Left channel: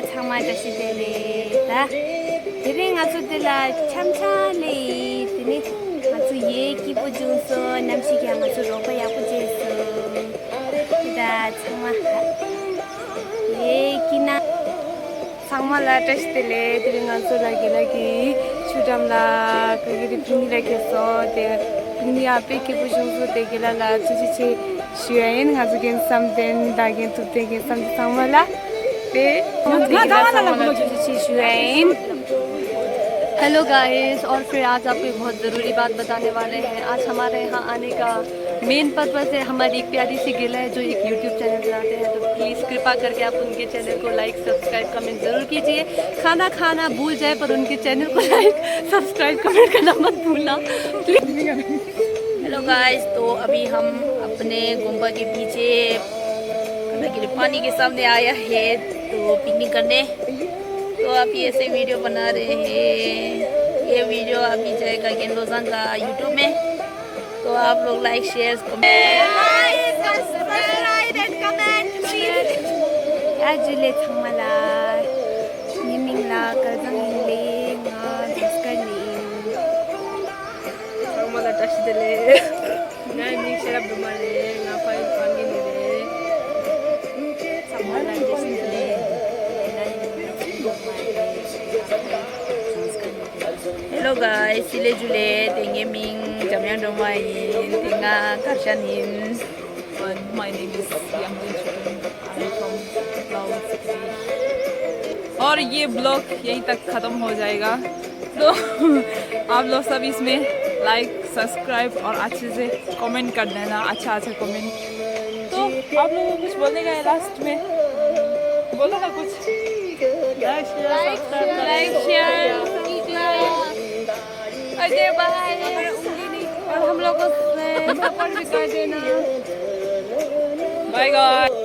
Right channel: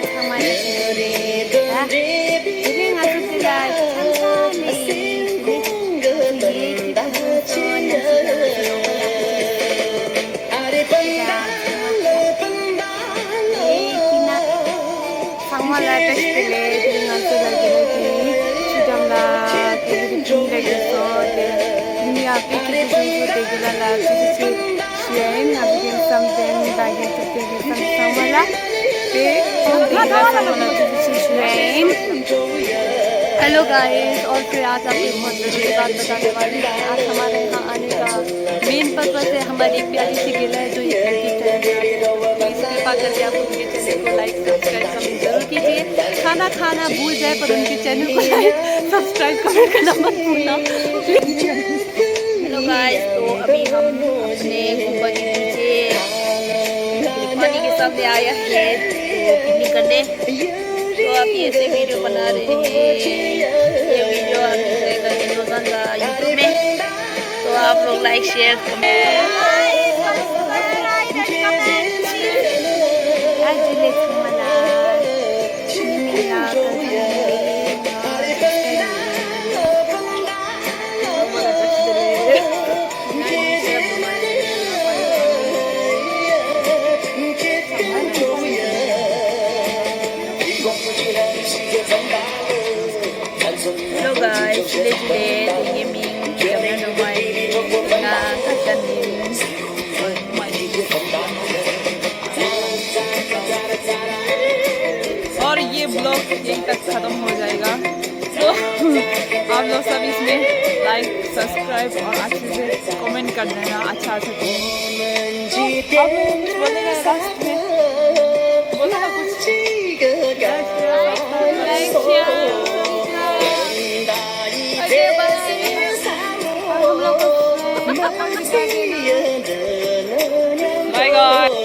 장마다시 노래다 그냥 아주 그라 천천히 그래 아주 얘기 부주소 남식이 아무도 먹어야 부주소 그라 얘기나 장마라 베스트레 그냥 아주 라기라기 추담라 그리고 빙이라기였어 दुनिया पे की बुजुर्गों देखेला ला तुझे शेयरिंग हाजिर समझें दागिन तुझे के समझावला पे हम देखेला समझला तुझे शेयरिंग हेलो गाइस और फिर आज आपको बहुत ज़रूरी बात बताने वाले हैं। आज हमारे यहाँ आने का मेन पर्पस है हमारी एक प्यारी सी गिला है जो एक यूट्यूब चैनल बनाते हैं, तो प्लीज़ कृपा करके आप उनके चैनल को लाइक सब्सक्राइब कमेंट ज़रूर कीजिए। खाना खाना भूल जाए पर उनके चैनल को लाइक सब्सक्राइब कमेंट करना मत भूलना प्लीज़। हेलो गाइस, तो अभी हम अपने गुम्बद के नीचे पानी के सामने आया है तो पिकनिक करने, तो आप ये ऐसे वीडियो बना रहे हैं। ये वीडियो अभी जाएगा गेंदोजान का यूट्यूब में, तो आप लोग लाइक शेयर कमेंट आजुले थमला निमिला कजले नस्करी थमला तस्दले नानी शराब दुमाले ना पानी पानी थमला Hello guys, sile jule tenge ming jamyang domai tenga kachanin my name is और ये ब्लॉग यहीं तक ख़त्म हो जाएगा, तो आप लोग सब इसमें लाइक सब्सक्राइब और अच्छे से कमेंट कर देना, अच्छा कमेंट। तो आप लोग कुछ बोलेगा लास्ट में, बोलेगा कुछ लाइक शेयर ओके बाय, और हम लोग को सपोर्ट भी कर देना। Bye guys.